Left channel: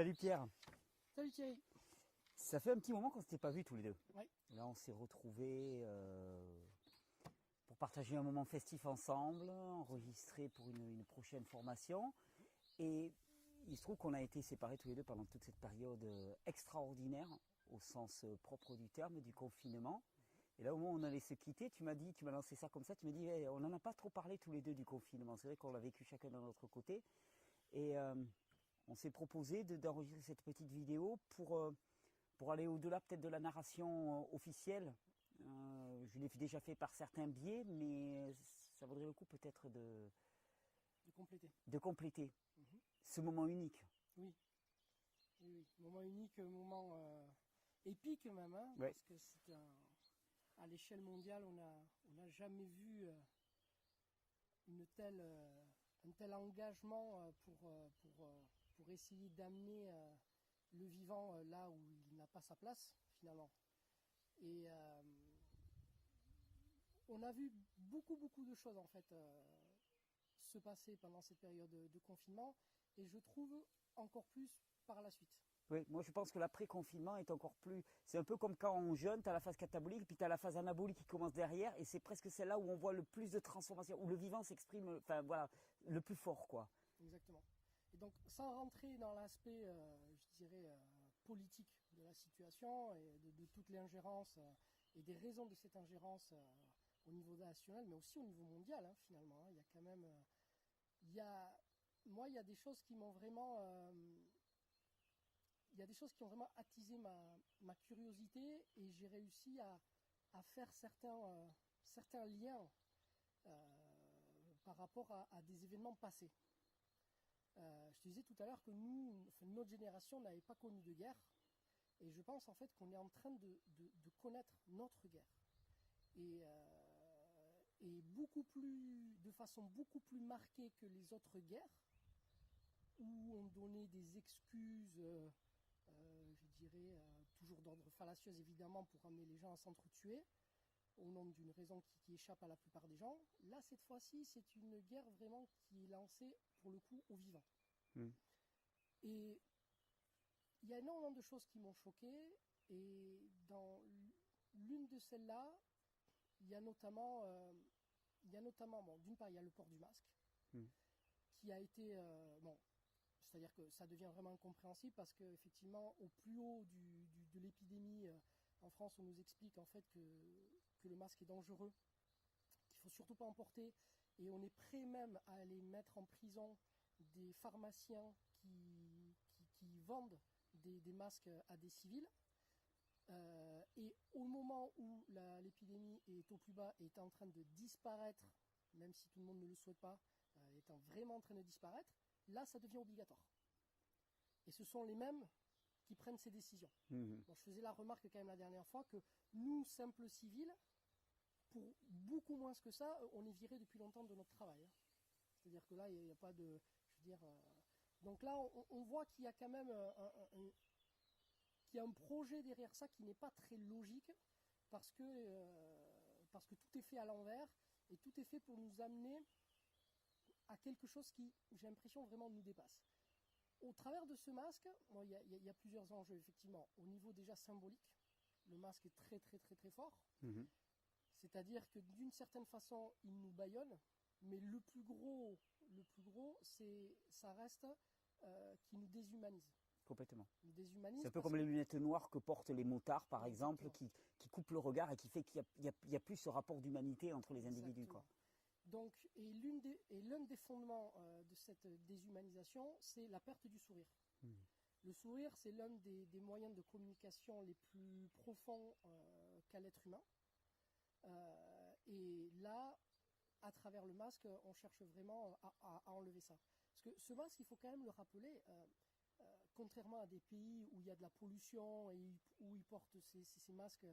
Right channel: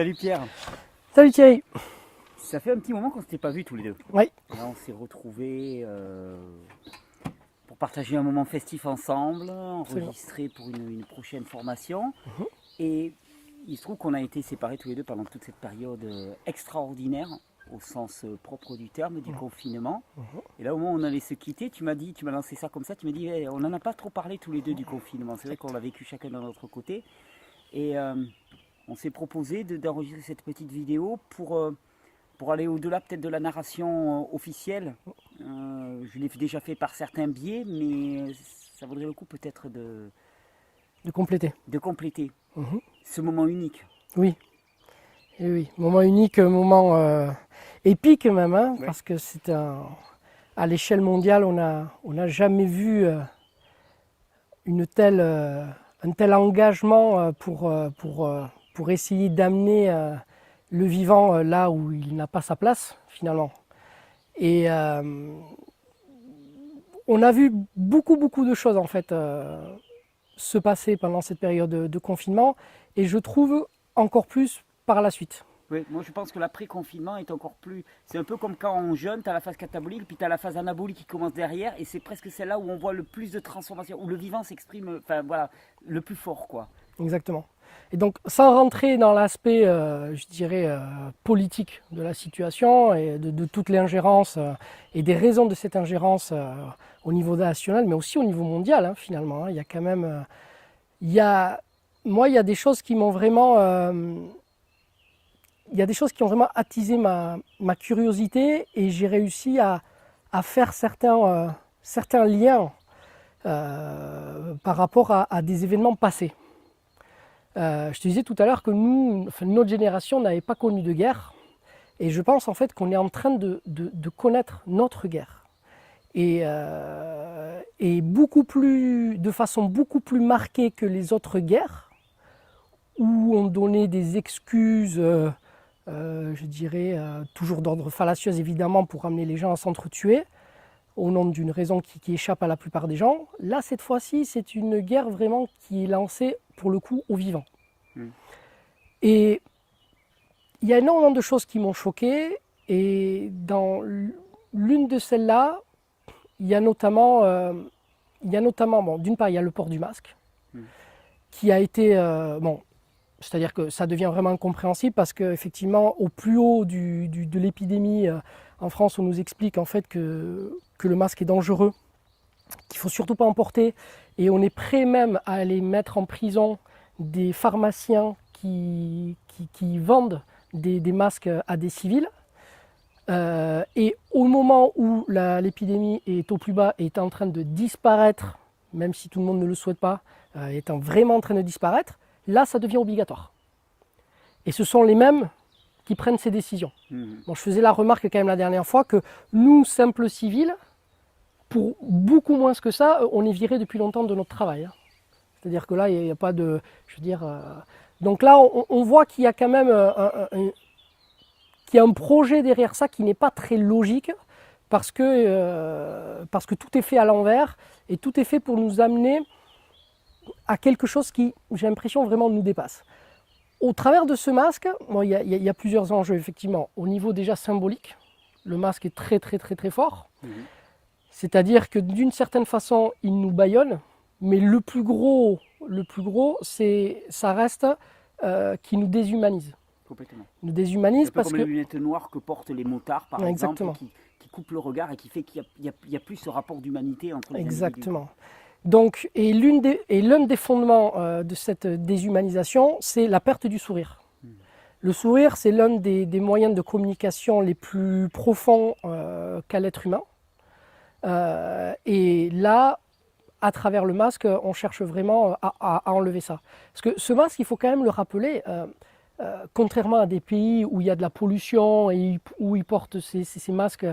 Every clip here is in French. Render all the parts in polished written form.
Salut Pierre. Salut Thierry. Ça fait un petit moment qu'on ne s'était pas vus tous les deux. Oui. Là, on s'est retrouvés pour partager un moment festif ensemble, enregistré pour une prochaine formation. Et il se trouve qu'on a été séparés tous les deux pendant toute cette période extraordinaire, au sens propre du terme, du confinement. Et là, au moment où on allait se quitter, tu m'as lancé ça comme ça, tu m'as dit, hey, on n'en a pas trop parlé tous les deux du confinement. C'est vrai qu'on l'a vécu chacun de notre côté. Et on s'est proposé d'enregistrer cette petite vidéo pour aller au-delà peut-être de la narration officielle. Je l'ai déjà fait par certains biais, mais ça vaudrait le coup peut-être De compléter. de compléter ce moment unique. Oui. Et oui. Moment unique, moment épique même, hein, Ouais. parce que c'est à l'échelle mondiale, on n'a jamais vu un tel engagement pour essayer d'amener le vivant là où il n'a pas sa place finalement. Et on a vu beaucoup de choses en fait se passer pendant cette période de confinement et je trouve encore plus par la suite. Oui, moi je pense que l'après-confinement est encore plus... C'est un peu comme quand on jeûne, tu as la phase catabolique, puis tu as la phase anabolique qui commence derrière, et c'est presque celle-là où on voit le plus de transformation, où le vivant s'exprime, enfin voilà, le plus fort quoi. Exactement. Et donc sans rentrer dans l'aspect, je dirais, politique de la situation et de toute l'ingérence et des raisons de cette ingérence au niveau national, mais aussi au niveau mondial hein, finalement. Hein. Il y a quand même... moi, il y a des choses qui m'ont vraiment... il y a des choses qui ont vraiment attisé ma curiosité et j'ai réussi à faire certains liens par rapport à des événements passés. Je te disais tout à l'heure que notre génération n'avait pas connu de guerre et je pense en fait qu'on est en train de connaître notre guerre et de façon beaucoup plus marquée que les autres guerres où on donnait des excuses je dirais, toujours d'ordre fallacieux évidemment pour amener les gens à s'entretuer au nom d'une raison qui échappe à la plupart des gens. Là, cette fois-ci, c'est une guerre vraiment qui est lancée pour le coup aux vivants. Et il y a énormément de choses qui m'ont choqué et dans l'une de celles-là, il y a notamment bon, d'une part, il y a le port du masque qui a été... bon, c'est-à-dire que ça devient vraiment incompréhensible parce qu'effectivement, au plus haut de l'épidémie en France, on nous explique en fait que le masque est dangereux, qu'il ne faut surtout pas en porter et on est prêt même à aller mettre en prison des pharmaciens qui vendent des masques à des civils. Et au moment où l'épidémie est au plus bas et est en train de disparaître, même si tout le monde ne le souhaite pas, étant vraiment en train de disparaître, là, ça devient obligatoire. Et ce sont les mêmes qui prennent ces décisions. Bon, je faisais la remarque quand même la dernière fois que nous, simples civils, pour beaucoup moins que ça, on est virés depuis longtemps de notre travail. Hein. C'est-à-dire que là, il n'y a pas de... Je veux dire... Donc là, on voit qu'il y a quand même qu'il y a un projet derrière ça qui n'est pas très logique parce que tout est fait à l'envers et tout est fait pour nous amener à quelque chose qui, j'ai l'impression, vraiment nous dépasse. Au travers de ce masque, bon, il y a plusieurs enjeux, effectivement. Au niveau déjà symbolique, le masque est très fort. C'est-à-dire que d'une certaine façon, il nous bâillonne, mais le plus gros, ça reste qui nous déshumanise. Complètement. Nous déshumanise C'est un peu parce comme que... les lunettes noires que portent les motards par Exactement. exemple, qui coupent le regard et qui fait qu'il n'y a plus ce rapport d'humanité entre les individus. Exactement. Donc, et l'un des fondements de cette déshumanisation, c'est la perte du sourire. Le sourire, c'est l'un des moyens de communication les plus profonds qu'a l'être humain. Et là, à travers le masque, on cherche vraiment à enlever ça. Parce que ce masque, il faut quand même le rappeler, contrairement à des pays où il y a de la pollution et où ils portent ces masques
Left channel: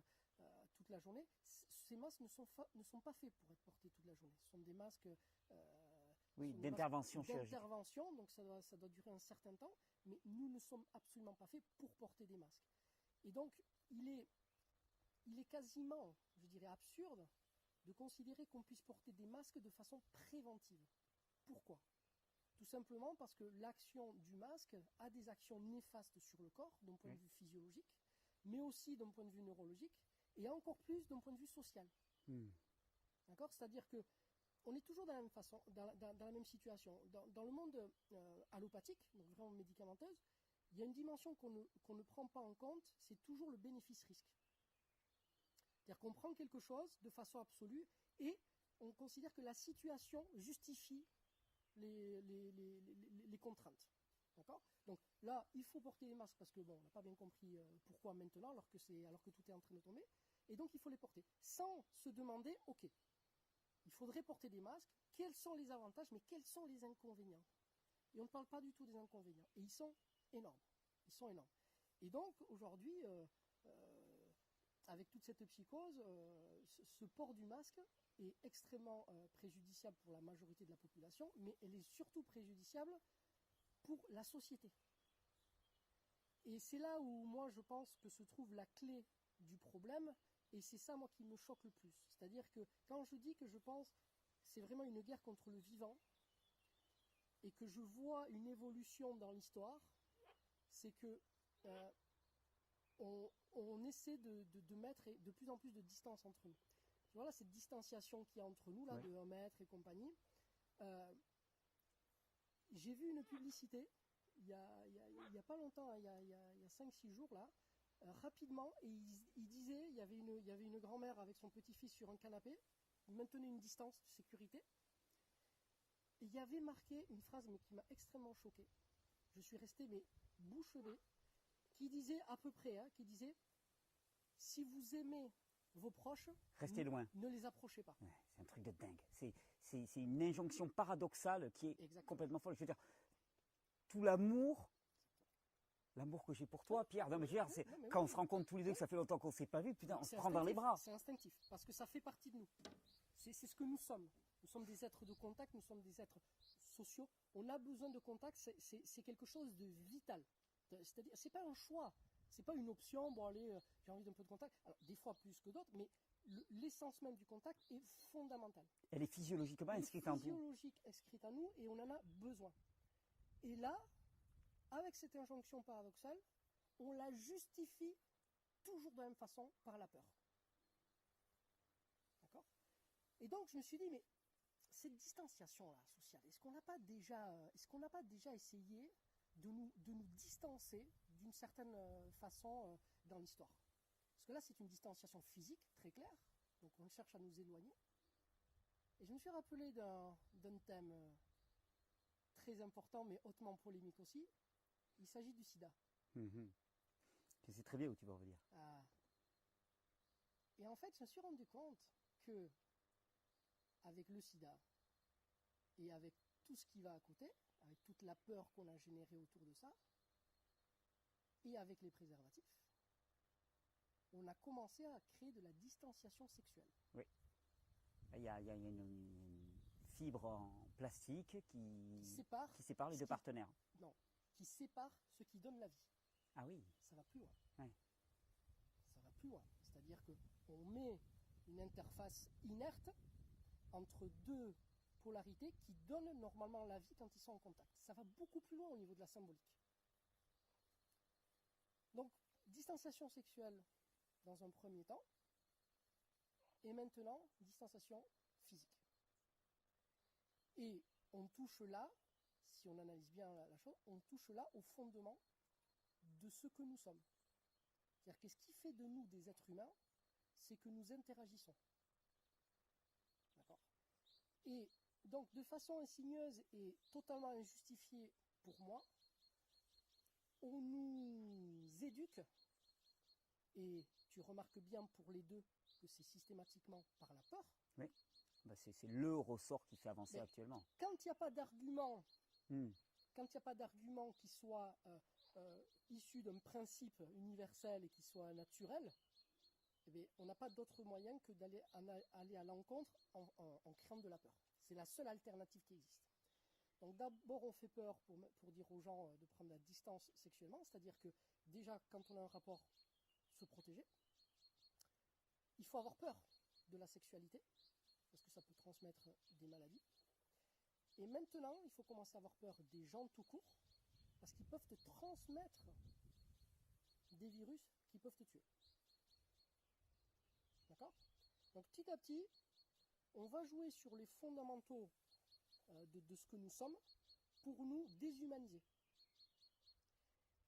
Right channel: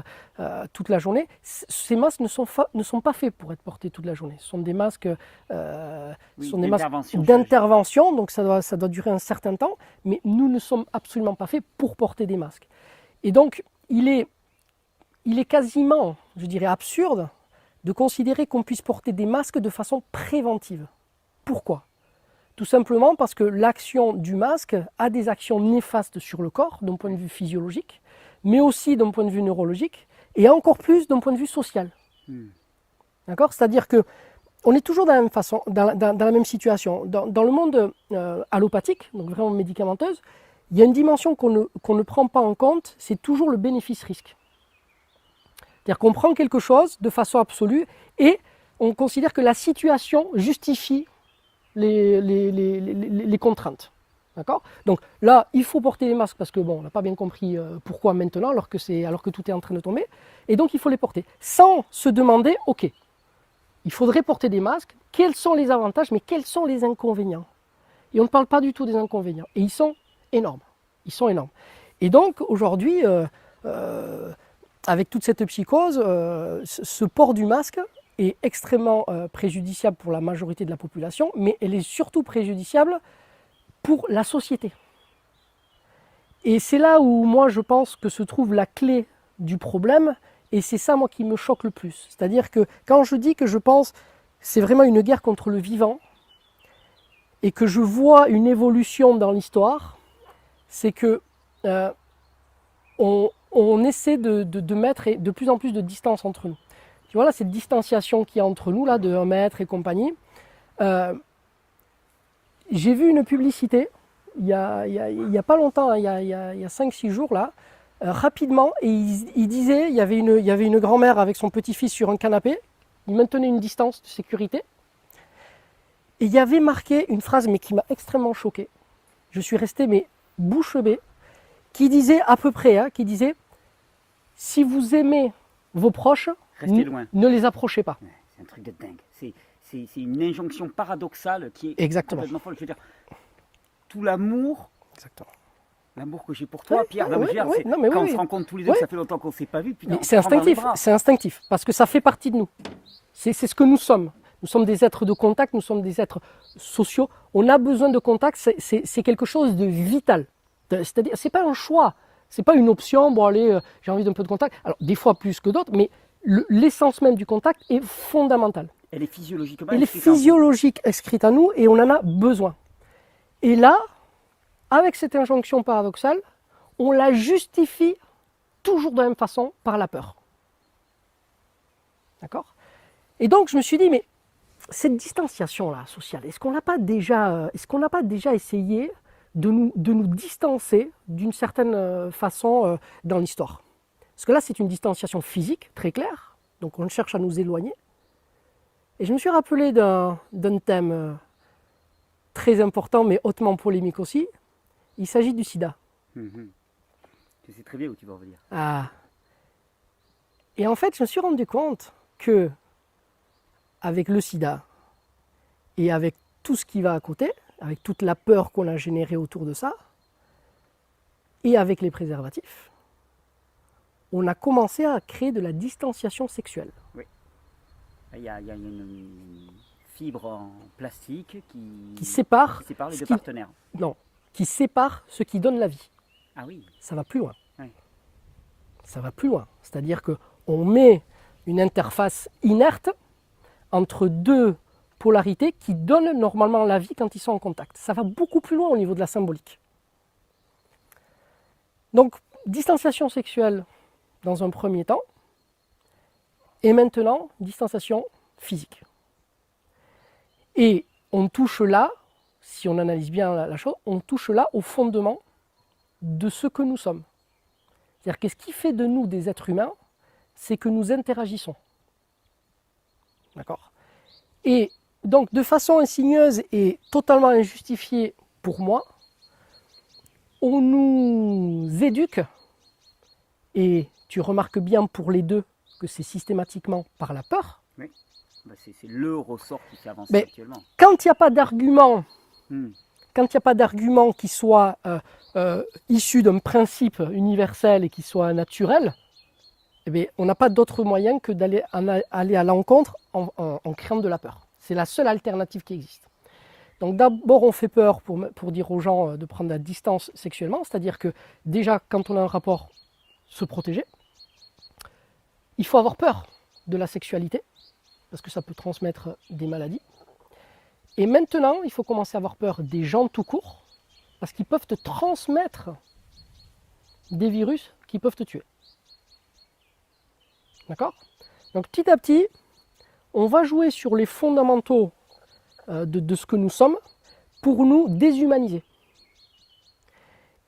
toute la journée, ces masques ne sont pas faits pour être portés toute la journée. Ce sont des masques d'intervention, donc ça doit durer un certain temps, mais nous ne sommes absolument pas faits pour porter des masques. Et donc, il est quasiment, je dirais, absurde de considérer qu'on puisse porter des masques de façon préventive. Pourquoi ? Tout simplement parce que l'action du masque a des actions néfastes sur le corps d'un point de vue physiologique, mais aussi d'un point de vue neurologique, et encore plus d'un point de vue social. D'accord ? C'est-à-dire que on est toujours dans la même façon, dans la même situation. Dans le monde allopathique, donc vraiment médicamenteuse, il y a une dimension qu'on ne prend pas en compte, c'est toujours le bénéfice-risque. C'est-à-dire qu'on prend quelque chose de façon absolue et on considère que la situation justifie les contraintes. D'accord ? Donc là, il faut porter les masques parce que bon, on n'a pas bien compris pourquoi maintenant, alors que tout est en train de tomber. Et donc il faut les porter. Sans se demander, ok, il faudrait porter des masques, quels sont les avantages, mais quels sont les inconvénients ? Et on ne parle pas du tout des inconvénients. Et ils sont énormes. Ils sont énormes. Et donc aujourd'hui, avec toute cette psychose, ce port du masque est extrêmement préjudiciable pour la majorité de la population, mais elle est surtout préjudiciable pour la société. Et c'est là où moi je pense que se trouve la clé du problème, et c'est ça moi qui me choque le plus. C'est-à-dire que quand je dis que je pense que c'est vraiment une guerre contre le vivant, et que je vois une évolution dans l'histoire, c'est que on essaie de mettre de plus en plus de distance entre nous. Tu vois là, cette distanciation qu'il y a entre nous, là, de 1 mètre et compagnie. J'ai vu une publicité, il y a pas longtemps, hein, il y a 5-6 jours, là, rapidement, et il disait, il y avait une grand-mère avec son petit-fils sur un canapé, il maintenait une distance de sécurité, et il y avait marqué une phrase, mais qui m'a extrêmement choqué. Je suis resté, mais bouche bée, qui disait à peu près, qui disait, si vous aimez vos proches, Restez loin. ne les approchez pas. Ouais, c'est un truc de dingue. C'est une injonction paradoxale qui est Exactement. complètement folle. Je veux dire, tout l'amour, l'amour que j'ai pour toi, Pierre, oui, quand on se rencontre tous les deux, ça fait longtemps qu'on ne s'est pas vu. C'est instinctif, parce que ça fait partie de nous. C'est ce que nous sommes. Nous sommes des êtres de contact, nous sommes des êtres sociaux. On a besoin de contact, c'est quelque chose de vital. C'est-à-dire, c'est pas un choix, c'est pas une option, bon allez, j'ai envie d'un peu de contact. Alors, des fois plus que d'autres, mais l'essence même du contact est fondamentale. Elle est physiologiquement inscrite en nous et on en a besoin. Et là, avec cette injonction paradoxale, on la justifie toujours de la même façon par la peur. D'accord ? Et donc, je me suis dit, mais cette distanciation-là sociale, est-ce qu'on n'a pas déjà essayé de nous distancer d'une certaine façon dans l'histoire ? Parce que là, c'est une distanciation physique, très claire, donc on cherche à nous éloigner. Et je me suis rappelé d'un thème très important, mais hautement polémique aussi. Il s'agit du sida. Je sais très bien où tu vas en venir. Ah. Et en fait, je me suis rendu compte que, avec le sida et avec tout ce qui va à côté, avec toute la peur qu'on a générée autour de ça, et avec les préservatifs, on a commencé à créer de la distanciation sexuelle. Oui. Il y a une fibre en plastique qui sépare les deux partenaires. Non, qui sépare ce qui donne la vie. Ah oui. Ça va plus loin. Oui. Ça va plus loin. C'est-à-dire qu'on met une interface inerte entre deux polarités qui donnent normalement la vie quand ils sont en contact. Ça va beaucoup plus loin au niveau de la symbolique. Donc, distanciation sexuelle dans un premier temps, et maintenant, distanciation physique. Et on touche là, si on analyse bien la chose, on touche là au fondement de ce que nous sommes. C'est-à-dire que ce qui fait de nous des êtres humains, c'est que nous interagissons. D'accord ? Et donc, de façon insigneuse et totalement injustifiée pour moi, on nous éduque, et tu remarques bien pour les deux que c'est systématiquement par la peur. Oui, c'est le ressort qui fait avancer actuellement. Quand il n'y a pas d'argument, quand il n'y a pas d'argument qui soit issu d'un principe universel et qui soit naturel, eh bien, on n'a pas d'autre moyen que d'aller aller à l'encontre en créant de la peur. C'est la seule alternative qui existe. Donc d'abord, on fait peur pour dire aux gens de prendre la distance sexuellement, c'est-à-dire que déjà, quand on a un rapport, se protéger. Il faut avoir peur de la sexualité, parce que ça peut transmettre des maladies. Et maintenant, il faut commencer à avoir peur des gens tout court, parce qu'ils peuvent te transmettre des virus qui peuvent te tuer. D'accord? Donc petit à petit, on va jouer sur les fondamentaux de ce que nous sommes pour nous déshumaniser.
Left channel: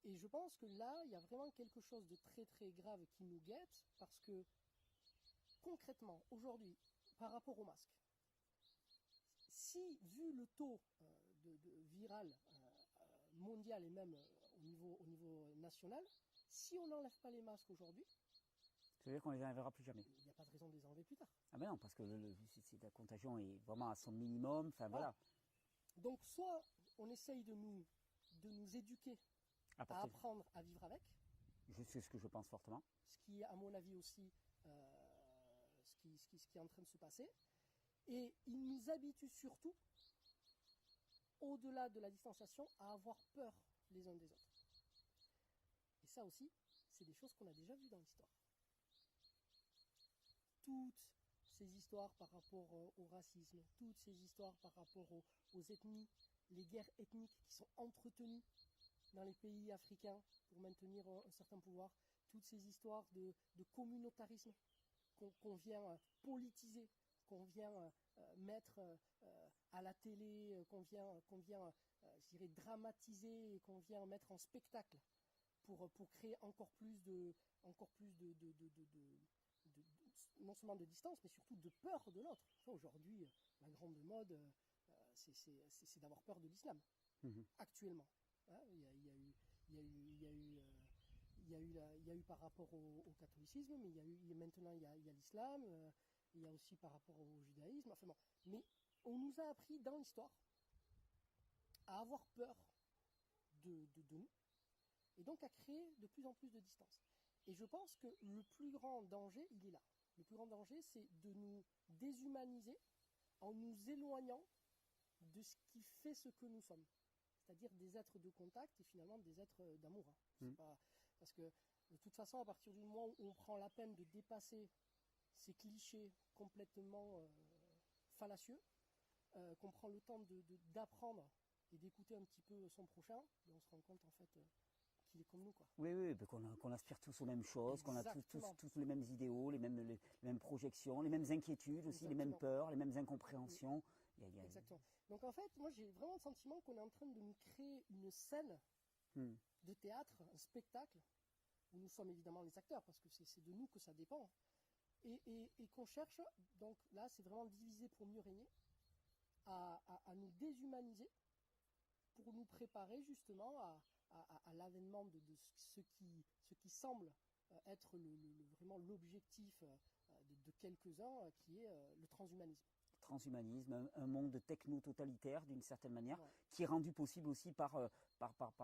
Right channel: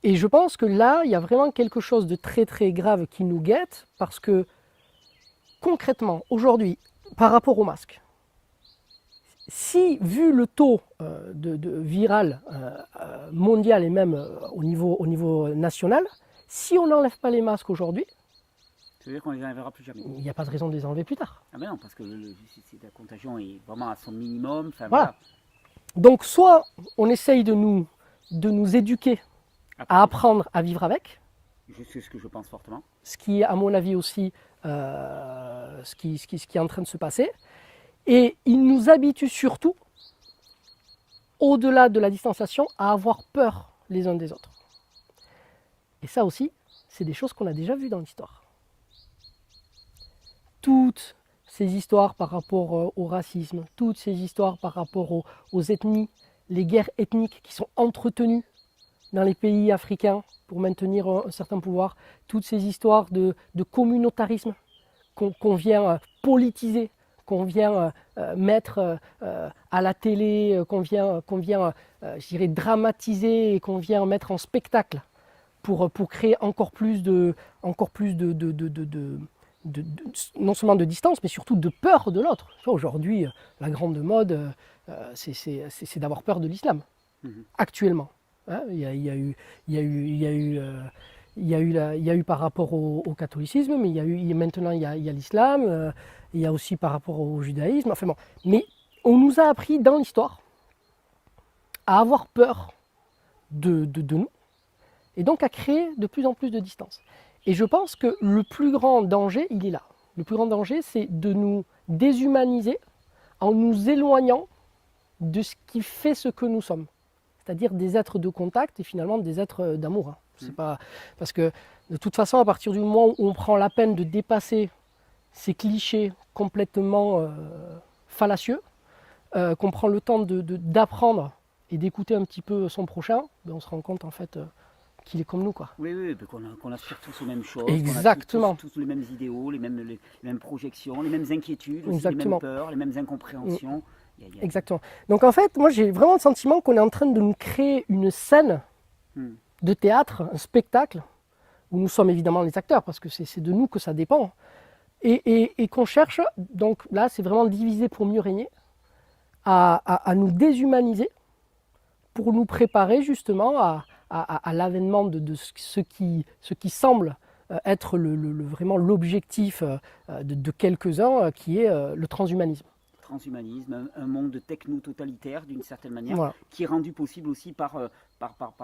Et je pense que là, il y a vraiment quelque chose de très très grave qui nous guette, parce que concrètement, aujourd'hui, par rapport au masque, si, vu le taux de viral mondial et même au niveau national, si on n'enlève pas les masques aujourd'hui, Ça veut dire qu'on ne les enlèvera plus jamais. il n'y a pas de raison de les enlever plus tard. Ah ben non, parce que la contagion est vraiment à son minimum. Enfin, Voilà. Donc soit on essaye de nous éduquer à apprendre à vivre avec, C'est ce que je pense fortement. ce qui est à mon avis aussi ce qui est en train de se passer. Et il nous habitue surtout, au-delà de la distanciation, à avoir peur les uns des autres. Et ça aussi, c'est des choses qu'on a déjà vues dans l'histoire. Toutes ces histoires par rapport au racisme, toutes ces histoires par rapport aux ethnies, les guerres ethniques qui sont entretenues dans les pays africains pour maintenir un certain pouvoir, toutes ces histoires de communautarisme qu'on vient politiser, qu'on vient mettre à la télé, qu'on vient je dirais, dramatiser et qu'on vient mettre en spectacle pour créer encore plus non seulement de distance, mais surtout de peur de l'autre. Aujourd'hui, la grande mode, c'est d'avoir peur de l'islam, actuellement. Hein, il y a eu par rapport au catholicisme, mais maintenant il y a l'islam, il y a aussi par rapport au judaïsme. Enfin bon. Mais on nous a appris dans l'histoire à avoir peur de nous, et donc à créer de plus en plus de distance. Et je pense que le plus grand danger, il est là. Le plus grand danger, c'est de nous déshumaniser en nous éloignant de ce qui fait ce que nous sommes. C'est-à-dire des êtres de contact et finalement des êtres d'amour. C'est pas... Parce que de toute façon, à partir du moment où on prend la peine de dépasser ces clichés complètement fallacieux, qu'on prend le temps d'apprendre et d'écouter un petit peu son prochain, ben on se rend compte en fait qu'il est comme nous, quoi. Oui, qu'on aspire tous aux mêmes choses. Exactement. Qu'on a tous les mêmes idéaux, les mêmes projections, les mêmes inquiétudes, aussi, les mêmes peurs, les mêmes incompréhensions. Exactement. Donc en fait, moi j'ai vraiment le sentiment qu'on est en train de nous créer une scène de théâtre, un spectacle, où nous sommes évidemment les acteurs, parce que c'est de nous que ça dépend, et qu'on cherche, donc là c'est vraiment diviser pour mieux régner, à nous déshumaniser, pour nous préparer justement à l'avènement de ce qui semble être vraiment l'objectif de quelques-uns, qui est le transhumanisme. Transhumanisme, un monde techno-totalitaire d'une certaine manière, voilà. Qui est rendu possible aussi par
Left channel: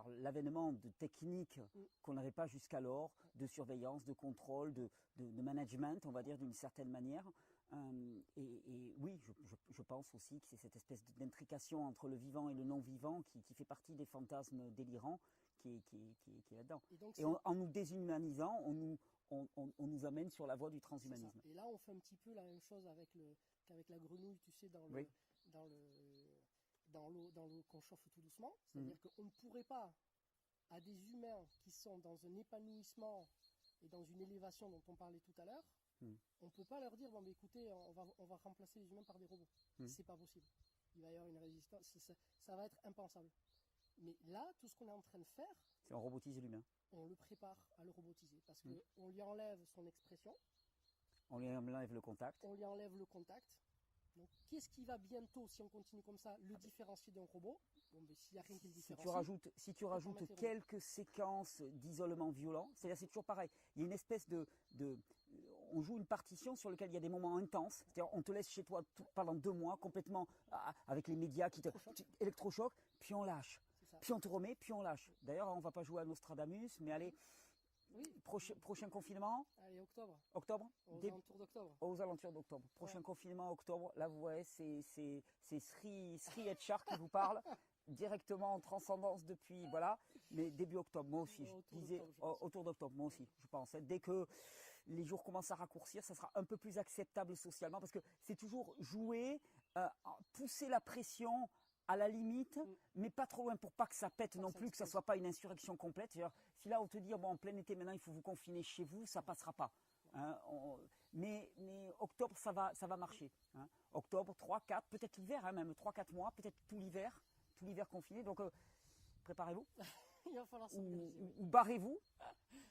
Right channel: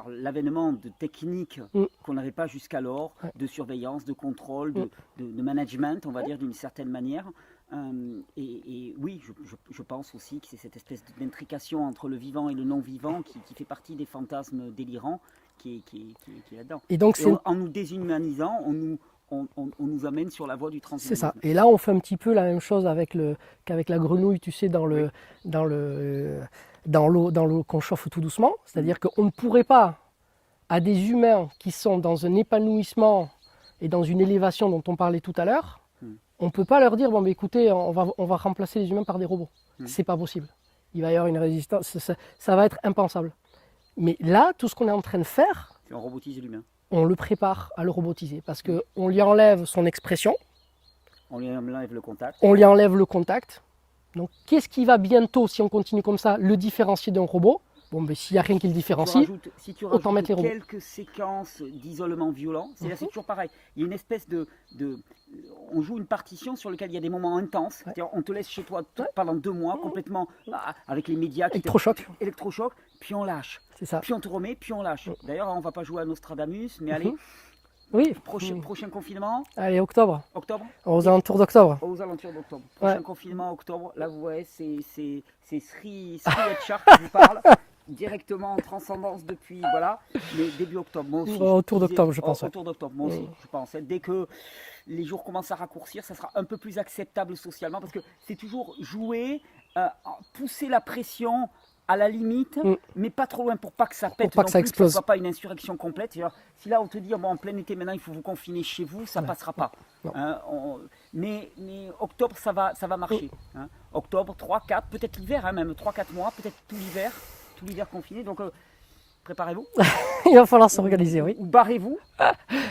l'avènement de techniques qu'on n'avait pas jusqu'alors, de surveillance, de contrôle, de management, on va dire d'une certaine manière. Et oui, je pense aussi que c'est cette espèce d'intrication entre le vivant et le non-vivant qui fait partie des fantasmes délirants qui est là-dedans. Et donc, en nous déshumanisant, on nous amène sur la voie du transhumanisme. C'est ça. Et là, on fait un petit peu la même chose qu'avec la grenouille, tu sais, dans l'eau qu'on chauffe tout doucement. C'est-à-dire qu'on ne pourrait pas, à des humains qui sont dans un épanouissement et dans une élévation dont on parlait tout à l'heure, on ne peut pas leur dire, bon, mais écoutez, on va remplacer les humains par des robots. C'est pas possible. Il va y avoir une résistance, ça va être impensable. Mais là, tout ce qu'on est en train de faire, c'est on robotise l'humain. On le prépare à le robotiser parce qu'on lui enlève son expression. On lui enlève le contact. On lui enlève le contact. Donc, qu'est-ce qui va bientôt, si on continue comme ça, le différencier d'un robot? Bon, mais s'il n'y a rien qui le différencie, si tu autant mettre les robots. Quelques séquences d'isolement violent, c'est toujours pareil. Il y a une espèce on joue une partition sur laquelle il y a des moments intenses. C'est-à-dire, on te laisse chez toi pendant 2 mois, complètement avec les médias. Électrochoc, puis on lâche. C'est ça. Puis on te remet, puis on lâche. D'ailleurs, on ne va pas jouer à Nostradamus, mais allez, oui. Prochain confinement. Allez, octobre. Aux alentours d'octobre. Aux alentours d'octobre. Prochain confinement, octobre. Là, vous voyez, c'est Sri Etchar qui vous parle. Directement en transcendance depuis, voilà, mais début octobre, moi aussi. Autour d'octobre, je pense. Autour d'octobre, moi aussi, je pense. Dès que les jours commencent à raccourcir, ça sera un peu plus acceptable socialement, parce que c'est toujours jouer, pousser la pression à la limite, mais pas trop loin pour pas que ça pète, pas non que ça plus, explose. que ce soit pas une insurrection complète. C'est-à-dire, si là on te dit bon, en plein été maintenant il faut vous confiner chez vous, ça passera pas. Non. Hein, mais octobre ça va marcher. Hein. Octobre, 3, 4, peut-être l'hiver, hein, même 3-4 mois, peut-être tout l'hiver confiné. Donc préparez-vous. Il va falloir s'organiser, oui. Ou barrez-vous.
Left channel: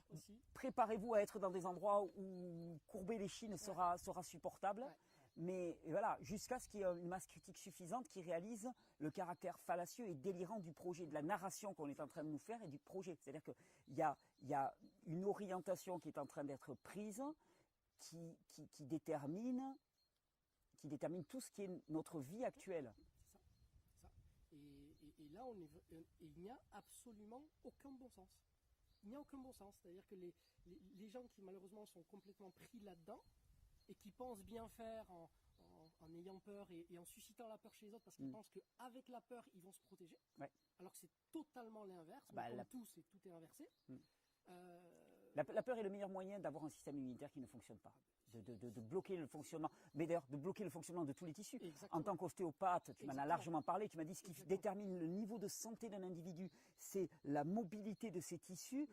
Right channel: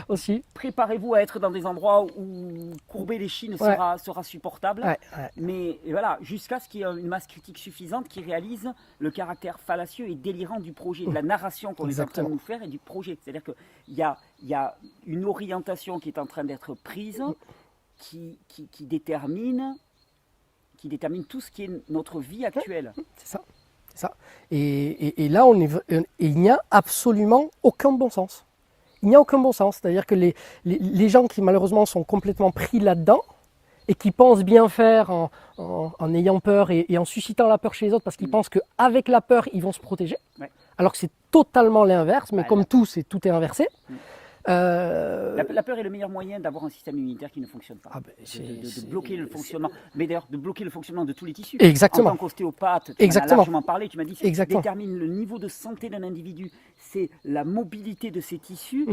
Aussi. Préparez-vous à être dans des endroits où courber les chines sera supportable. Ouais. Mais voilà, jusqu'à ce qu'il y ait une masse critique suffisante qui réalise le caractère fallacieux et délirant du projet, de la narration qu'on est en train de nous faire et du projet. C'est-à-dire qu'il y a une orientation qui est en train d'être prise qui détermine tout ce qui est notre vie actuelle. C'est ça. Et là, il n'y a absolument aucun bon sens. Il n'y a aucun bon sens. C'est-à-dire que les gens qui malheureusement sont complètement pris là-dedans et qui pensent bien faire en ayant peur et en suscitant la peur chez les autres parce qu'ils pensent qu'avec la peur, ils vont se protéger. Ouais. Alors que c'est totalement l'inverse, mais comme tout est inversé. La peur est le meilleur moyen d'avoir un système immunitaire qui ne fonctionne pas. De bloquer le fonctionnement. Mais d'ailleurs, de bloquer le fonctionnement de tous les tissus. Exactement. En tant qu'ostéopathe, tu en as largement parlé, tu m'as dit ce qui détermine le niveau de santé d'un individu, c'est la mobilité de ses tissus,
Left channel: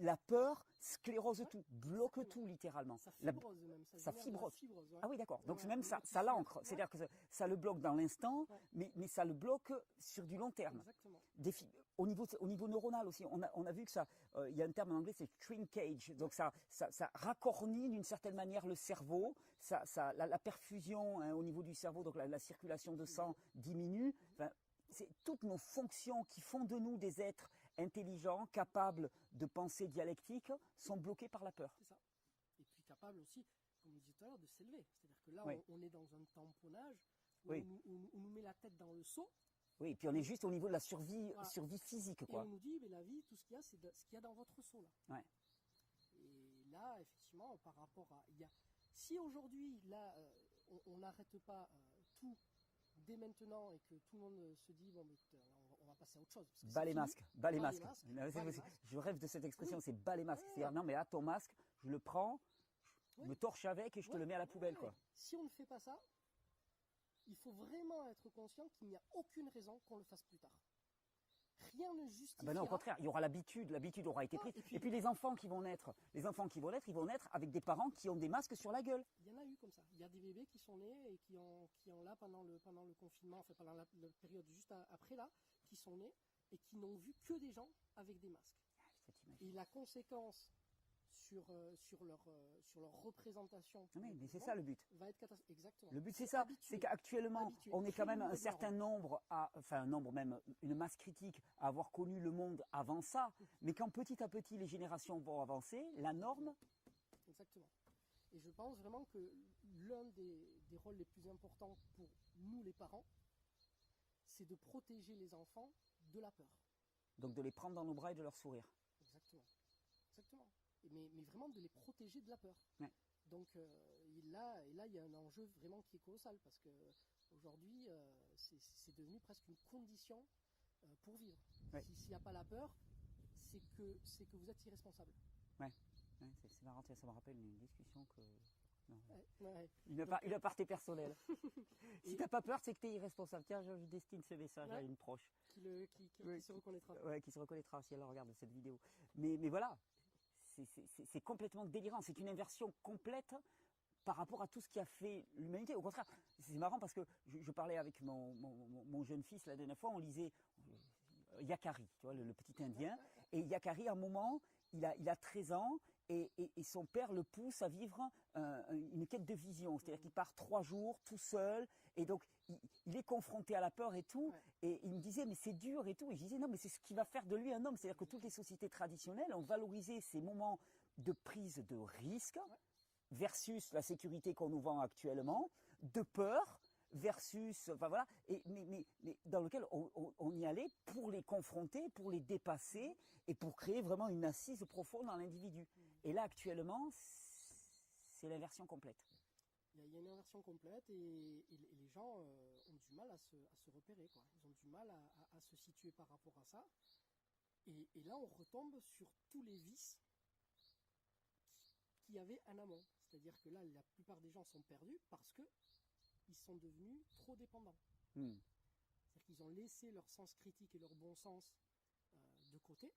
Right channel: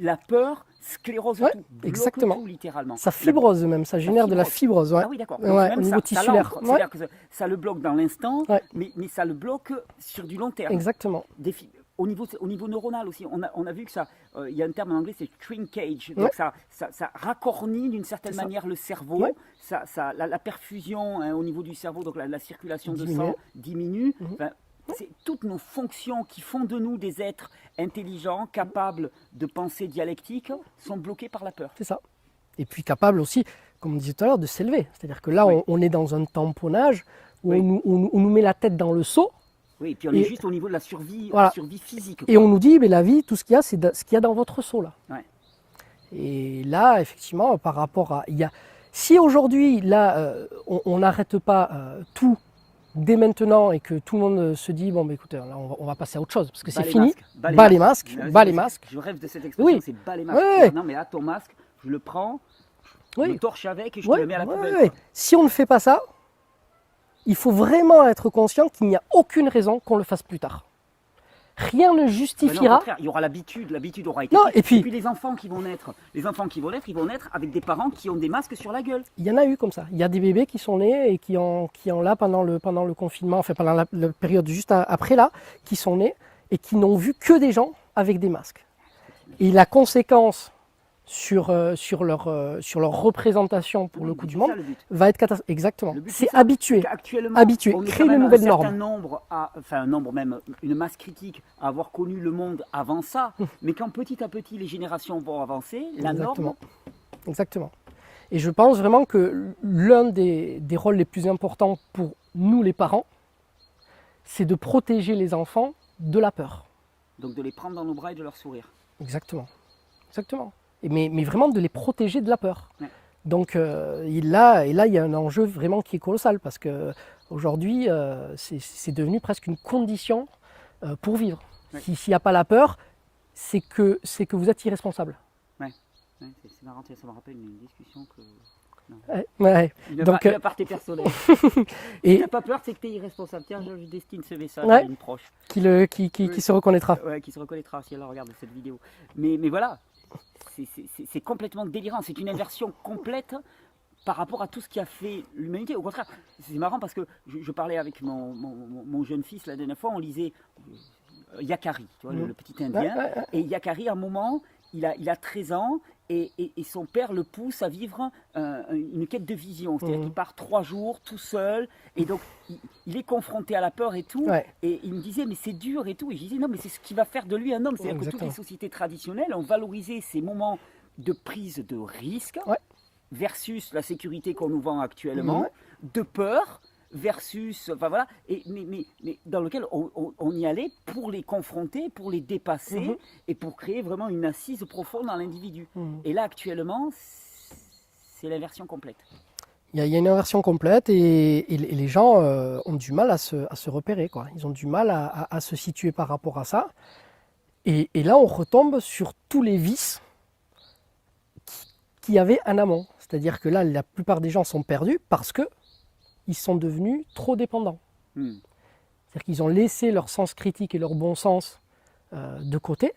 la peur sclérose tout, bloque tout littéralement. Ça fibrose même, ça génère de la fibrose. Ouais. Ah oui, d'accord. Au niveau tissulaire. C'est-à-dire que ça le bloque dans l'instant, mais ça le bloque sur du long terme. Exactement. Au niveau neuronal aussi, on a vu que ça, il y a un terme en anglais, c'est shrinkage. Donc ça racornit d'une certaine manière le cerveau, la perfusion au niveau du cerveau, donc la circulation de sang diminue. Enfin, toutes nos fonctions qui font de nous des êtres intelligents, capables de pensée dialectique, sont bloquées par la peur. C'est ça. Et puis capables aussi, comme on disait tout à l'heure, de s'élever. C'est-à-dire que là, on est dans un tamponnage où on nous met la tête dans le seau. Oui, et puis on est juste au niveau de la survie, survie physique. Et on nous dit, mais la vie, tout ce qu'il y a, c'est ce qu'il y a dans votre seau là. Ouais. Et là, effectivement, par rapport à... si aujourd'hui, là, on n'arrête pas tout dès maintenant et que tout le monde se dit, bon, bah, écoutez, là, on va passer à autre chose, parce que c'est fini. Bas les masques. Je rêve de cette expression, c'est bas les masques. Non, mais là, ton masque, je le prends, je me torche avec et je te le mets à la poubelle. Si on ne fait pas ça, il faut vraiment être conscient qu'il n'y a aucune raison qu'on le fasse plus tard. Rien ne justifiera. Non, il y aura l'habitude aura été. Et puis les enfants qui vont naître, ils vont naître avec des parents qui ont des masques sur la gueule. Il y en a eu comme ça. Il y a des bébés qui sont nés et qui ont là pendant le confinement, enfin pendant la période juste après là, qui sont nés et qui n'ont vu que des gens avec des masques. Et la conséquence sur leur représentation pour le coup du monde va être catastrophique. Exactement. C'est habitué, créer une nouvelle norme. Un nombre même, une masse critique à avoir connu le monde avant ça, mais quand petit à petit les générations vont avancer, la norme... Exactement. Et je pense vraiment que l'un des rôles les plus importants pour nous les parents, c'est de protéger les enfants de la peur. Donc de les prendre dans nos bras et de leur sourire. Exactement. Mais vraiment de les protéger de la peur. Ouais. Donc là, il y a un enjeu vraiment qui est colossal parce qu'aujourd'hui, c'est devenu presque une condition pour vivre. Ouais. S'il n'y a pas la peur, c'est que vous êtes irresponsable. Ouais. C'est marrant, ça me rappelle une discussion que... Donc, une aparté personnelle. Si tu n'as pas peur, c'est que tu es irresponsable. Tiens, je destine ce message à une proche. Qui se reconnaîtra. Ouais, qui se reconnaîtra si elle regarde cette vidéo. Mais voilà, c'est complètement délirant. C'est une inversion complète par rapport à tout ce qui a fait l'humanité. Au contraire, c'est marrant parce que je parlais avec mon jeune fils la dernière fois, on lisait Yakari, tu vois, le petit Indien. Et Yakari, à un moment, il a 13 ans. Et son père le pousse à vivre une quête de vision. C'est-à-dire qu'il part 3 jours tout seul. Et donc, il est confronté à la peur et tout. Ouais. Et il me disait, mais c'est dur et tout. Et je disais, non, mais c'est ce qui va faire de lui un homme. C'est-à-dire que toutes les sociétés traditionnelles ont valorisé ces moments de prise de risque versus la sécurité qu'on nous vend actuellement, de peur versus, enfin voilà, mais dans lequel on y allait pour les confronter, pour les dépasser et pour créer vraiment une assise profonde dans l'individu. Et là, actuellement, c'est l'inversion complète. Il y a une inversion complète et les gens ont du mal à se repérer, quoi. Ils ont du mal à se situer par rapport à ça. Et là, on retombe sur tous les vices qu'il y avait en amont. C'est-à-dire que là, la plupart des gens sont perdus parce que ils sont devenus trop dépendants. C'est-à-dire qu'ils ont laissé leur sens critique et leur bon sens de côté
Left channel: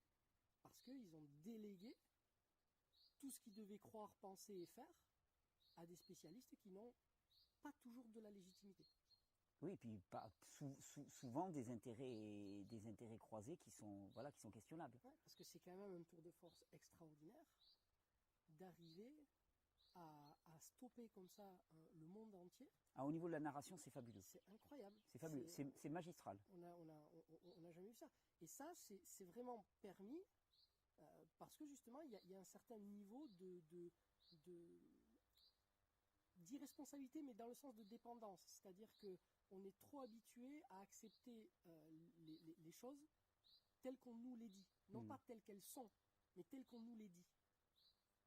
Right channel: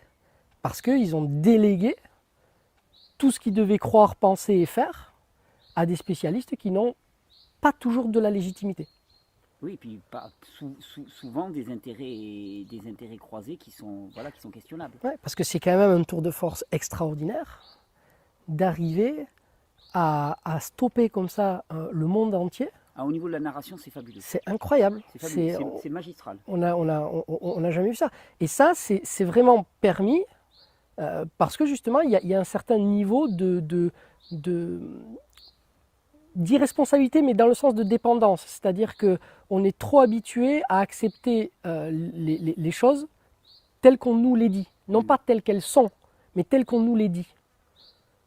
parce qu'ils ont délégué tout ce qu'ils devaient croire, penser et faire à des spécialistes qui n'ont pas toujours de la légitimité. Oui, et puis souvent des intérêts croisés qui sont questionnables. Ouais, parce que c'est quand même un tour de force extraordinaire d'arriver à stopper comme ça le monde entier. Au niveau de la narration, c'est fabuleux. C'est incroyable. C'est magistral. On n'a jamais vu ça. Et ça, c'est vraiment permis parce que justement, il y a un certain niveau d'irresponsabilité, mais dans le sens de dépendance. C'est-à-dire qu'on est trop habitué à accepter les choses telles qu'on nous les dit. Non pas telles qu'elles sont, mais telles qu'on nous les dit.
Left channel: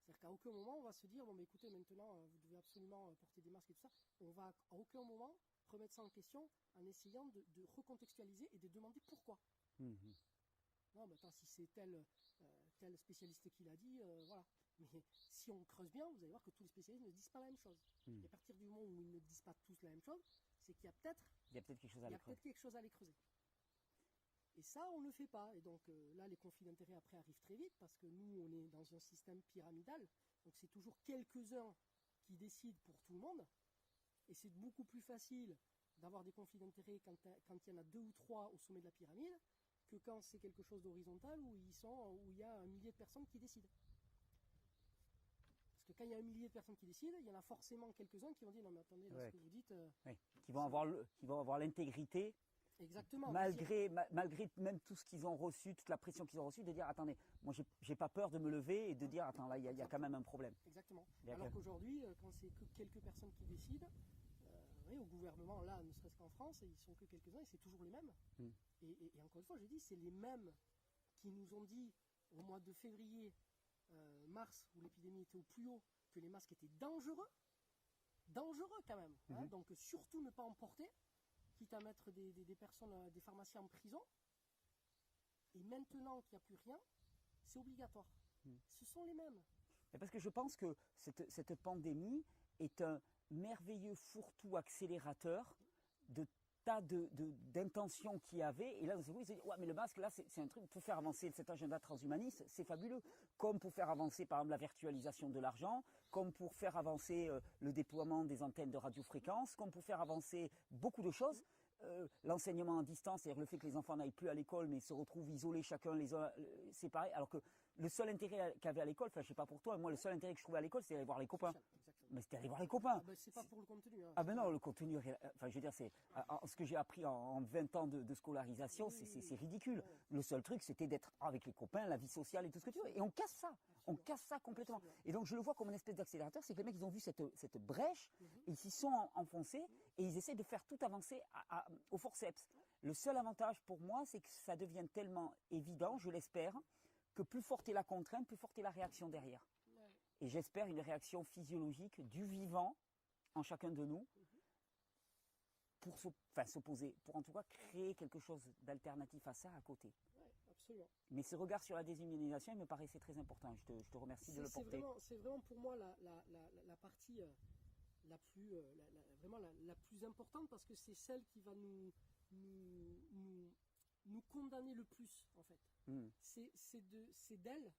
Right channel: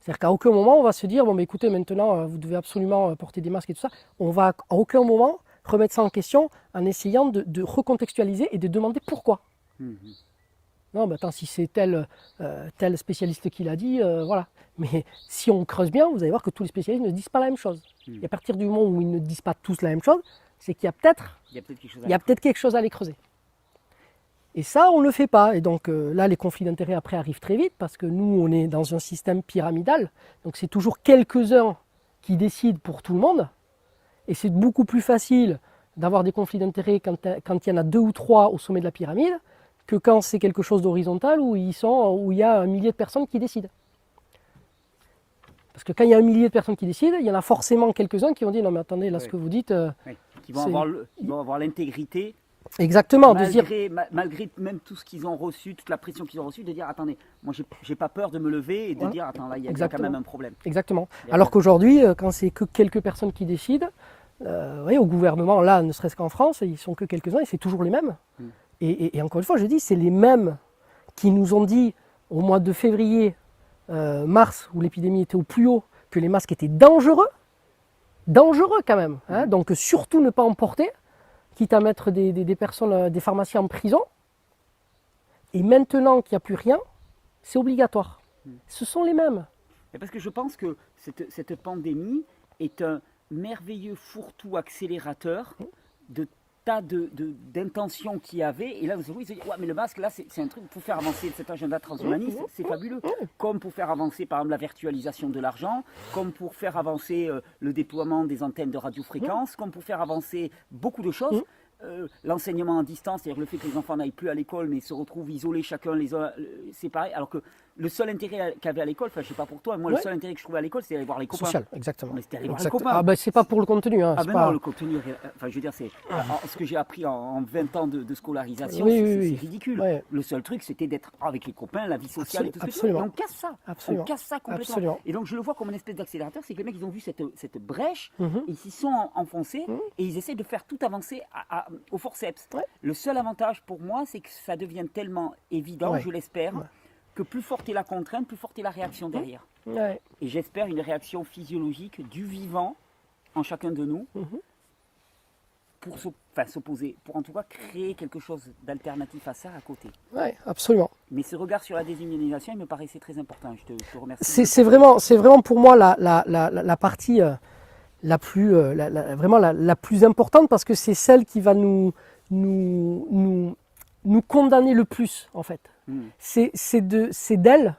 C'est-à-dire qu'à aucun moment, on va se dire, bon, mais écoutez, maintenant, vous devez absolument porter des masques et tout ça. On va à aucun moment remettre ça en question en essayant de recontextualiser et de demander pourquoi. Non, mais attends, si c'est tel spécialiste qui l'a dit, voilà. Mais si on creuse bien, vous allez voir que tous les spécialistes ne disent pas la même chose. Et à partir du moment où ils ne disent pas tous la même chose, c'est qu'il y a peut-être quelque chose à aller creuser. Et ça, on ne le fait pas. Et donc là, les conflits d'intérêts après arrivent très vite parce que nous, on est dans un système pyramidal. Donc c'est toujours quelques-uns qui décident pour tout le monde. Et c'est beaucoup plus facile d'avoir des conflits d'intérêts quand il y en a 2 ou 3 au sommet de la pyramide que quand c'est quelque chose d'horizontal où il y a un millier de personnes qui décident. Parce que quand il y a un millier de personnes qui décident, il y en a forcément quelques-uns qui vont dire non mais attendez, là ce que vous dites... Qui vont avoir l'intégrité. Exactement. Malgré même tout ce qu'ils ont reçu, toute la pression qu'ils ont reçue, de dire attendez, moi j'ai pas peur de me lever et de dire attends là il y a quand même un problème. Exactement. Alors qu'aujourd'hui, quand c'est que quelques personnes qui décident, au gouvernement, là ne serait-ce qu'en France, ils sont que quelques-uns et c'est toujours les mêmes. Et encore une fois, je dis, c'est les mêmes qui nous ont dit au mois de février, mars, où l'épidémie était au plus haut, que les masques étaient dangereux quand même. Hein, donc surtout ne pas en porter, quitte à mettre des personnes, des pharmaciens en prison. Et maintenant qu'il n'y a plus rien, c'est obligatoire. Ce sont les mêmes. Et parce que je pense que cette pandémie est un merveilleux fourre-tout accélérateur de tas d'intentions qu'il y avait. Et là, vous savez, ouais, mais le masque, là, c'est un truc pour faire avancer cet agenda transhumaniste, c'est fabuleux. Comme pour faire avancer, par exemple, la virtualisation de l'argent, comme pour faire avancer le déploiement des antennes de radiofréquence, comme pour faire avancer beaucoup de choses. L'enseignement à distance, c'est-à-dire le fait que les enfants n'aillent plus à l'école, mais se retrouvent isolés chacun les uns séparés, alors que le seul intérêt qu'avait à l'école, enfin je sais pas pour toi, moi le seul intérêt que je trouvais à l'école, c'est d'aller voir les copains. Social, exactement. Mais c'était aller voir les copains. Ah ben c'est pas pour le contenu. Hein, non, le contenu, enfin je veux dire, c'est ce que j'ai appris en 20 ans de scolarisation, c'est ridicule. Ouais. Le seul truc, c'était d'être avec les copains, la vie sociale et tout ça. Et on casse ça. On casse ça complètement. Absolument. Et donc je le vois comme une espèce d'accélérateur, c'est que les mecs, ils ont vu cette brèche, ils s'y sont enfoncés et ils essaient de faire tout avancer au forceps. Ouais. Le seul avantage pour moi, c'est que ça devient tellement évident, je l'espère, que plus forte est la contrainte, plus forte est la réaction derrière. Ouais. Et j'espère une réaction physiologique du vivant en chacun de nous pour s'opposer, pour en tout cas créer quelque chose d'alternatif à ça à côté. Oui, absolument. Mais ce regard sur la déshumanisation, il me paraissait très important. Je te remercie. C'est vraiment pour moi la partie la plus importante parce que c'est celle qui va nous condamner le plus en fait. C'est d'elle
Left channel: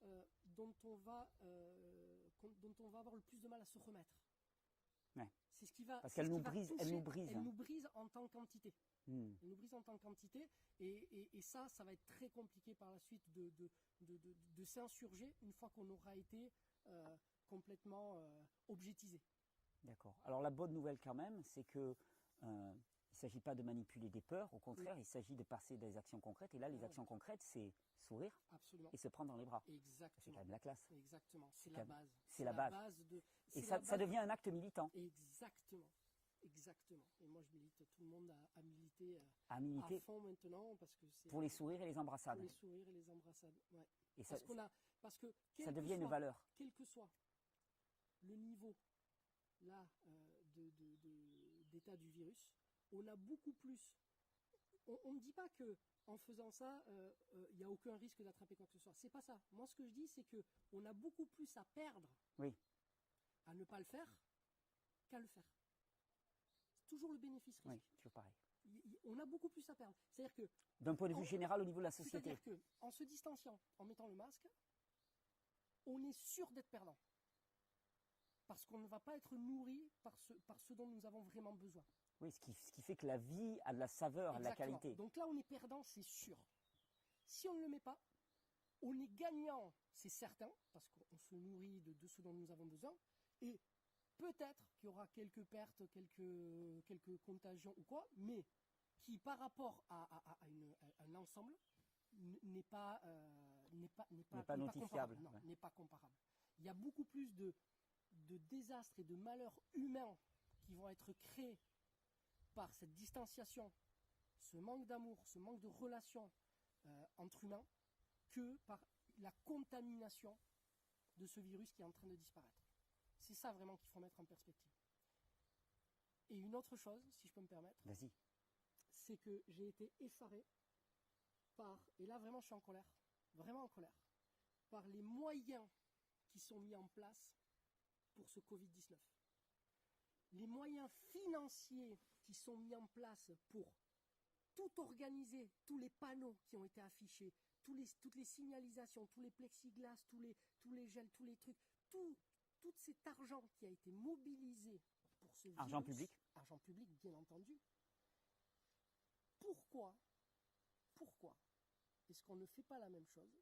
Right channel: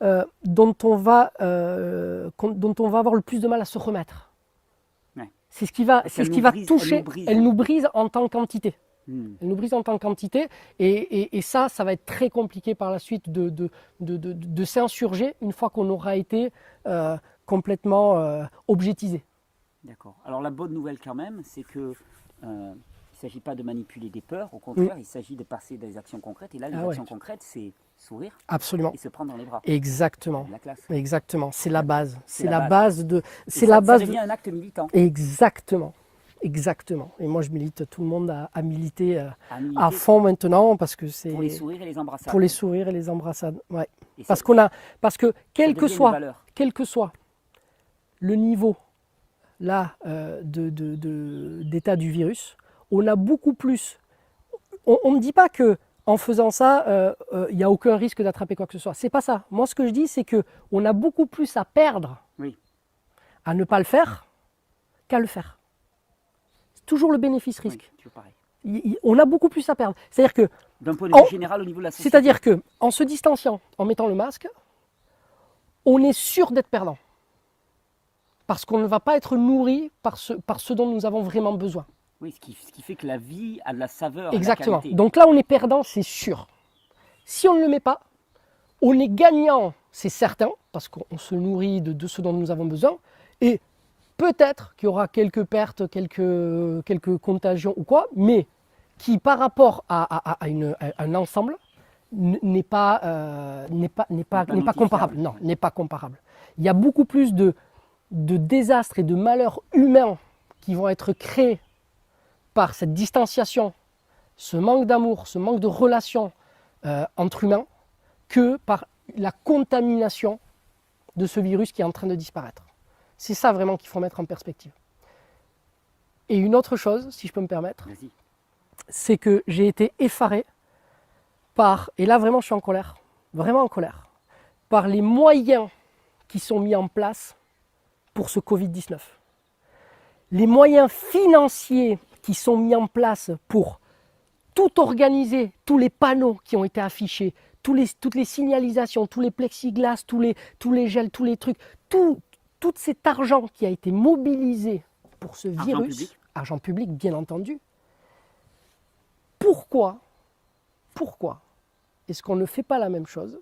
dont on va avoir le plus de mal à se remettre. Ouais. C'est ce qui va toucher. Elle nous brise en tant qu'entité. Elle nous brise en tant qu'entité et ça va être très compliqué par la suite de s'insurger une fois qu'on aura été complètement objetisé. D'accord. Alors la bonne nouvelle quand même, c'est que il ne s'agit pas de manipuler des peurs, au contraire, il s'agit de passer des actions concrètes. Et là, les actions concrètes, c'est sourire. Absolument. Et se prendre dans les bras. Exactement. La classe. Exactement. C'est la base. C'est la base de. Ça devient un acte militant. Exactement. Exactement. Et moi, je milite tout le monde à militer à fond maintenant parce que c'est. Pour les sourires et les embrassades. Pour les sourires et les embrassades. Ouais. Parce que quel que soit le niveau là d'état du virus, on a beaucoup plus. On ne dit pas que en faisant ça, il n'y a aucun risque d'attraper quoi que ce soit. C'est pas ça. Moi, ce que je dis, c'est que on a beaucoup plus à perdre à ne pas le faire qu'à le faire. C'est toujours le bénéfice-risque. Oui, toujours pareil. On a beaucoup plus à perdre. C'est-à-dire que, D'un point de vue général au niveau de la société. c'est-à-dire que, en se distanciant, en mettant le masque, on est sûr d'être perdant. Parce qu'on ne va pas être nourri par ce dont nous avons vraiment besoin. Oui, ce qui fait que la vie a de la saveur. Exactement. De la qualité. Donc là, on est perdant, c'est sûr. Si on ne le met pas, on est gagnant, c'est certain, parce qu'on se nourrit de ce dont nous avons besoin. Et peut-être qu'il y aura quelques pertes, quelques contagions ou quoi, mais qui, par rapport à un ensemble, n'est pas comparable. Non, n'est pas comparable. Il y a beaucoup plus de désastres et de malheurs humains qui vont être créés par cette distanciation, ce manque d'amour, ce manque de relation entre humains, que par la contamination de ce virus qui est en train de disparaître. C'est ça vraiment qu'il faut mettre en perspective. Et une autre chose, si je peux me permettre, c'est que j'ai été effaré par, et là vraiment je suis en colère, vraiment en colère, par les moyens qui sont mis en place pour ce Covid-19. Les moyens financiers qui sont mis en place pour tout organiser, tous les panneaux qui ont été affichés, toutes les signalisations, tous les plexiglas, tous les gels, tous les trucs, tout cet argent qui a été mobilisé pour ce virus, argent public bien entendu, pourquoi est-ce qu'on ne fait pas la même chose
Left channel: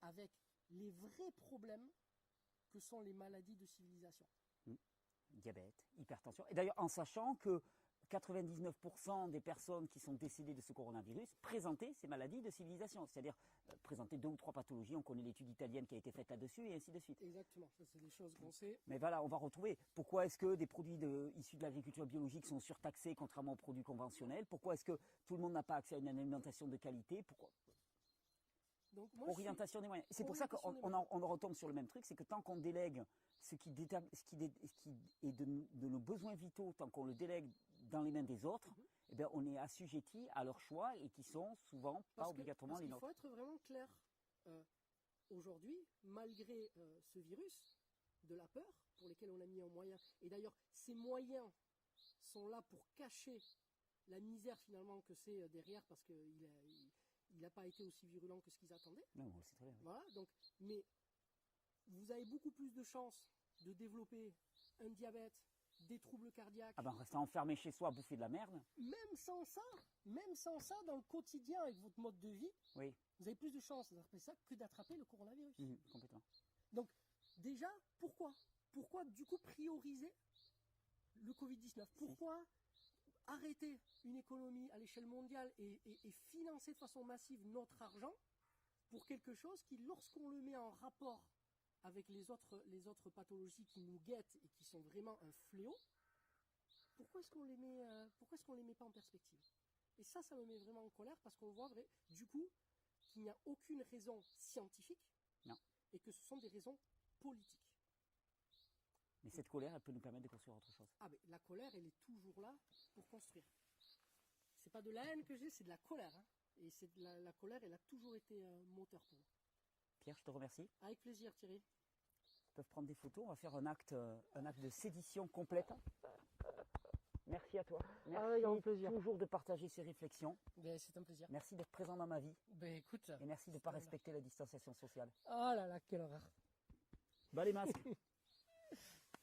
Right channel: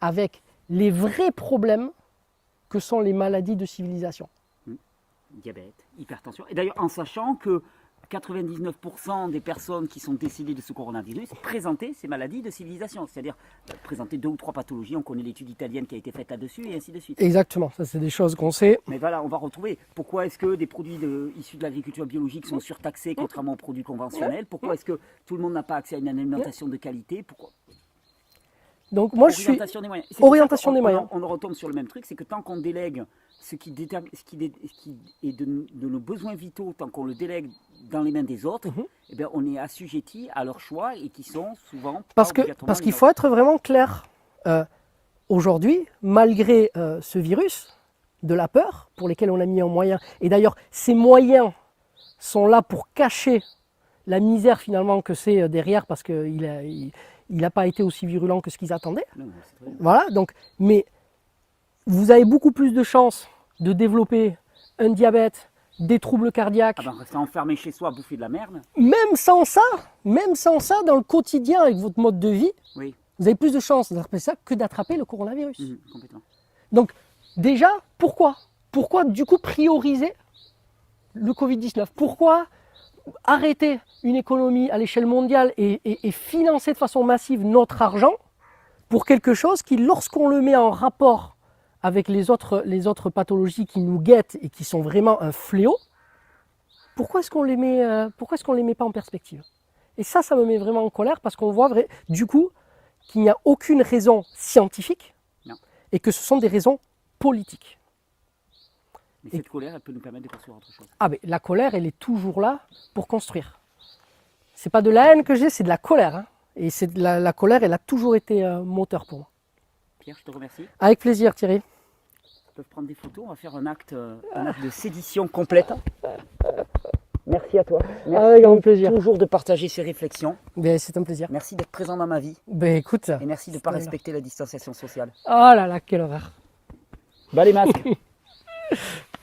avec les vrais problèmes que sont les maladies de civilisation? Diabète, hypertension. Et d'ailleurs, en sachant que 99% des personnes qui sont décédées de ce coronavirus présentaient ces maladies de civilisation, c'est-à-dire présentaient 2 ou 3 pathologies. On connaît l'étude italienne qui a été faite là-dessus et ainsi de suite. Exactement, ça c'est des choses qu'on sait. Mais voilà, on va retrouver pourquoi est-ce que des produits issus de l'agriculture biologique sont surtaxés contrairement aux produits conventionnels. Pourquoi est-ce que tout le monde n'a pas accès à une alimentation de qualité. Pourquoi Donc moi je suis orientation des moyens. On retombe sur le même truc, c'est que tant qu'on délègue ce qui est de nos besoins vitaux, tant qu'on le délègue dans les mains des autres, eh bien, on est assujetti à leurs choix et qui sont souvent parce qu'il faut être vraiment clair. Aujourd'hui, malgré ce virus de la peur pour lesquels on a mis en moyen, et d'ailleurs ces moyens sont là pour cacher la misère finalement que c'est derrière, parce qu'il n'a pas été aussi virulent que ce qu'ils attendaient. Non, voilà, donc, mais vous avez beaucoup plus de chances de développer un diabète, des troubles cardiaques. Rester enfermé chez soi à bouffer de la merde. Même sans ça, dans le quotidien avec votre mode de vie, oui. Vous avez plus de chances d'attraper ça que d'attraper le coronavirus. Complètement. Donc déjà, pourquoi du coup prioriser le Covid-19? Pourquoi arrêter une économie à l'échelle mondiale et financer de façon massive notre argent pour quelque chose qui, lorsqu'on le met en rapport avec les autres pathologies qui nous guettent et qui sont vraiment un fléau, pourquoi est-ce qu'on les met pas en perspective? Et ça me met vraiment en colère, parce qu'on voit du coup qu'il n'y a aucune raison scientifique et que ce sont des raisons politiques. Mais cette colère, elle peut nous permettre de construire autre chose. Ah, mais la colère, elle est toujours là pour construire. C'est pas de la haine que j'ai, c'est de la colère. Hein. Et la colère, elle a toujours été moteur pour moi. Pierre, je te remercie. Avec plaisir, Thierry. On peut prendre des photos, on va faire un acte de sédition complète. Merci à toi. Merci avec grand plaisir. Toujours de partager ces réflexions. Ben, c'est un plaisir. Merci d'être présent dans ma vie. Ben, écoute. Et merci de ne pas respecter la distanciation sociale. Oh là là, quelle horreur. Bah les masques.